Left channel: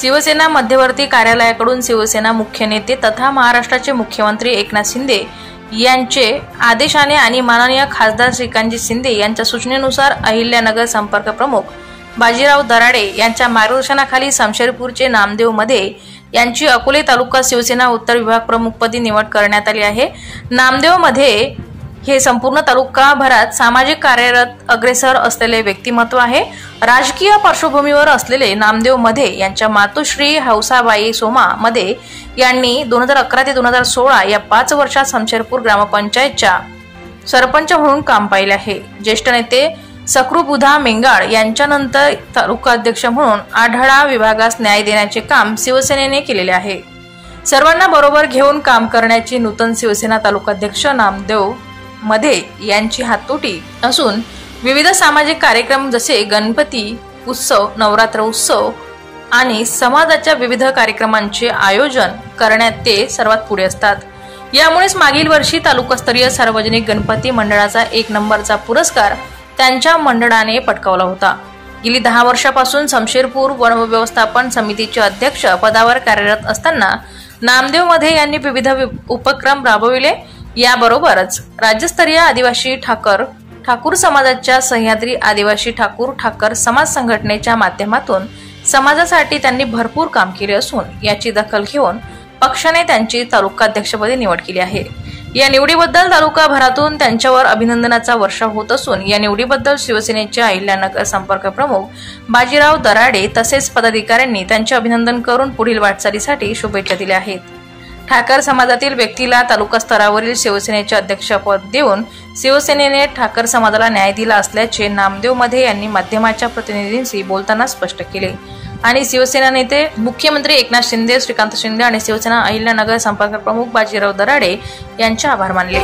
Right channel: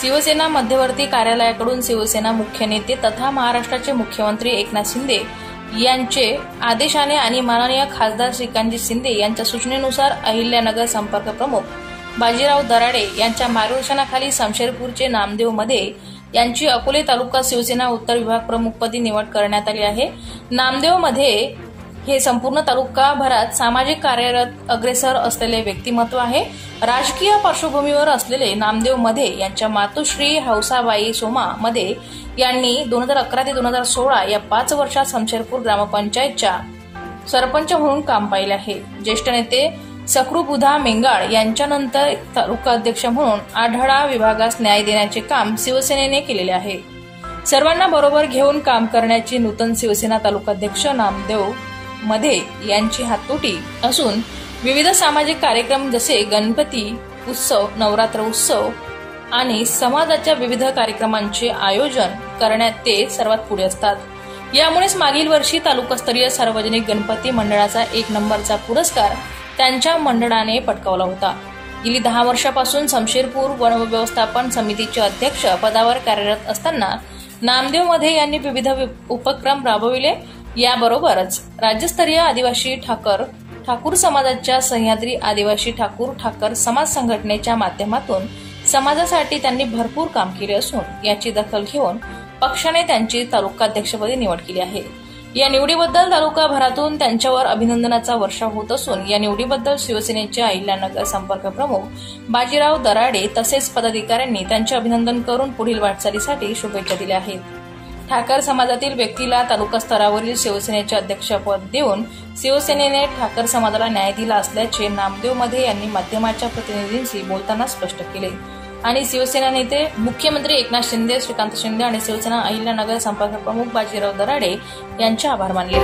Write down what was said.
शिवसेना मध्यवर्ती कार्यालयाकडून शिवसेना मुख्य नेते तथा महाराष्ट्राचे मुख्यमंत्री एकनाथ शिंदे यांचे आदेशाने आणि माननीय खासदार श्रीकांतजी शिंदे यांच्या सूचनेनुसार अहिल्यानगर संपर्क प्रमुख बाजीराव दराडे यांच्या मार्गदर्शनाखाली शमशेरपूरचे नामदेव मध्ये यांची अकोले तालुका शिवसेना उत्तर विभाग प्रमुखपदी निवड करण्यात आली आहे। नामदेव मध्ये हे संपूर्ण तालुकाभरात सामाजिक कार्यरत अग्रेसर असलेले व्यक्तिमत्व आहे। राजकीय पार्श्वभूमीवर असलेले नामदेव मध्ये यांच्या मातोश्री हौसाबाई सोमा मध्ये यांनी 2011 ते 2016 या 5 वर्षात शमशेरपूर ग्रामपंचायतच्या सरपंच म्हणून काम पाहिले आहे। ज्येष्ठ नेते सकृबुधा मेंगाळ यांच्यानंतर तालुका अध्यक्ष म्हणून आढळा विभागास न्याय देण्याचे काम शिवसेनेने केलेले आहे। सर्वांना बरोबर घेऊन काम करण्याची नूतन शिवसेना तालुकाध्यक्ष नामदेव मध्ये यांची हातोटी असून विविध सामाजिक कार्यक्रम जसे गणपती उत्सव, नवरात्र उत्सव आणि समाजाच्या विविध कार्यक्रमांचे आयोजन करण्यात ते सर्वात पुढे असतात। यामुळेच मागील वर्षी तालुकास्तरीय सार्वजनिक गणपती मंडळाचा 1 नंबरचा पुरस्कार त्यांच्या मंडळाने पटकावला होता। गेली 10 वर्षापासून शमशेरपूर वन व्यवस्थापन समितीचे अध्यक्ष पदावर कार्यरत असताना नामदेव मध्ये यांनी विविध उपक्रम राबविले। याबरोबरच राज्यस्तरीय आदिवासी ठाकूर समाजाच्या सह्याद्री आदिवासी ठाकर समाज संघटनेच्या माध्यमातून समाजासाठी त्यांनी भरपूर काम केले असून याची दखल घेऊन पक्षाने त्यांची तालुकाध्यक्षपदी निवड केली आहे। या निवडीबद्दल तालुकाभरातून त्यांच्यावर अभिनंदनाचा वर्षाव होत असून या निवडीबद्दल शिवसेनेचे अहिल्यानगर संपर्क प्रमुख बाजीराव दराडे तसेच पदाधिकाऱ्यांनी त्यांचे अभिनंदन करून पुढील वाटचालीसाठी शुभेच्छा दिल्या आहेत। ठाकर समाजातील व्यक्तीला तालुका स्तरावरील शिवसेनेचे अध्यक्षपद देऊन शिवसेनेने ठाकर समाजाला न्याय दिला असल्याचे नामदेव मध्ये यांनी माध्यमाच्या प्रतिनिधींशी बोलताना स्पष्ट केले आणि शिवसेना नेते मुख्यमंत्री एकनाथ शिंदे, श्रीकांत शिंदे आणि शिवसेना अहिल्यानगर संपर्क प्रमुख बाजीराव दराडे यांचे आभार मानले।